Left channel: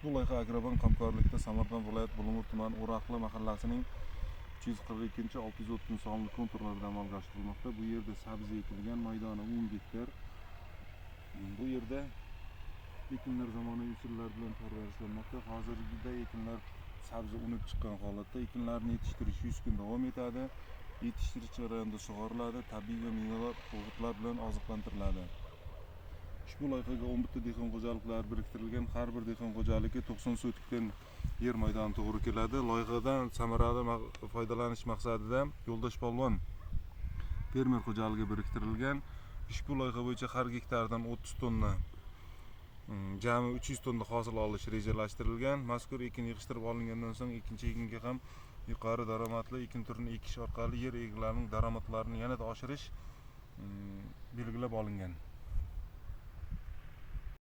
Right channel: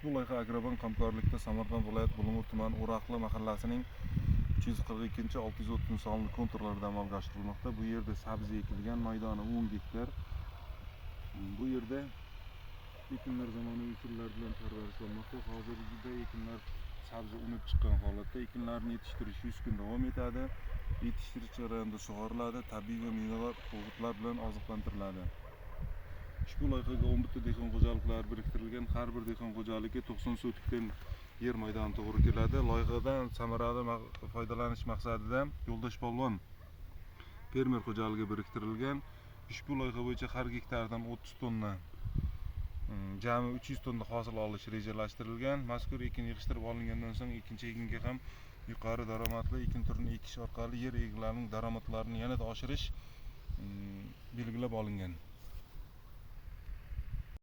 Ushbu loyiha Agrobank hamkorlikda Samarqand viloyat Bulung'ur tumani O'raqli mahallasining 342-630 sonli konturlarida amalga oshirilmoqda. Bu yerda sabzi ekilgan, maydoni 10 gektar. Bu yerda ekinlar zamonaviy usullar bilan parvarishlanmoqda. Hozirda ekinlar sabzi unib chiqqan holatda. Ekinlarni yetishtirish 100 kun davom etadi. Yetishtirish jarayonida sug'oriladi, tabiiy va mineral o'g'itlar bilan oziqlantiriladi. Ushbu loyihaga 11 dehqon xo'jaliklari biriktirilgan. Har bir dehqon xo'jaligi 90 sotikdan yer maydoni to'g'ri keladi. Loyihadan samarali foydalanish maqsadida Yo'ldosh Polvon fermer xo'jaligi biriktirilgan. Ushbu loyiha bo'yicha har gektardan 30 tonna jami 300 tonna hosil olish rejalashtirilgan. Mazkur ekin yig'ishtirib olingandan so'ng ikkinchi ekinga ham yuqori daromadli ekin turini ekish orqali yer egalarining daromadlarini yanada oshirish belgilab olingan.